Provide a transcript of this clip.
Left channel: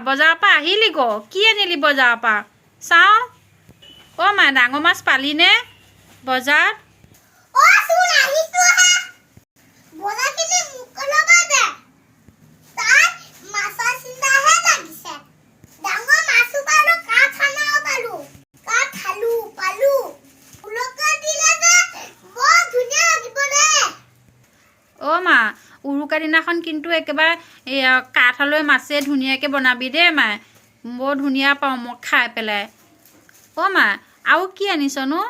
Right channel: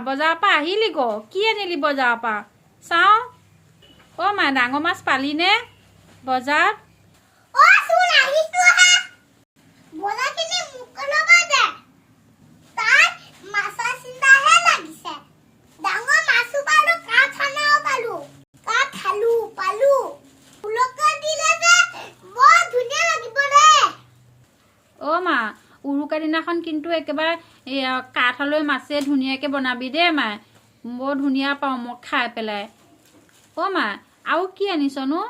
বজাৰৰ পৰা আহিলি গ কি আনিলি বজাৰৰ পৰা চাওঁ মা ডাঙৰ মাছ পালিনে বজাৰত মা উৰুকা দিনাখন কিন্তু একেবাৰে কাঠলৈ মাছে ধুনীয়াকৈ বনাবি দেই মায়ে বৰ ধুনীয়া পাওঁ মই খাই পেলাই মা আৰু কি আনিছনো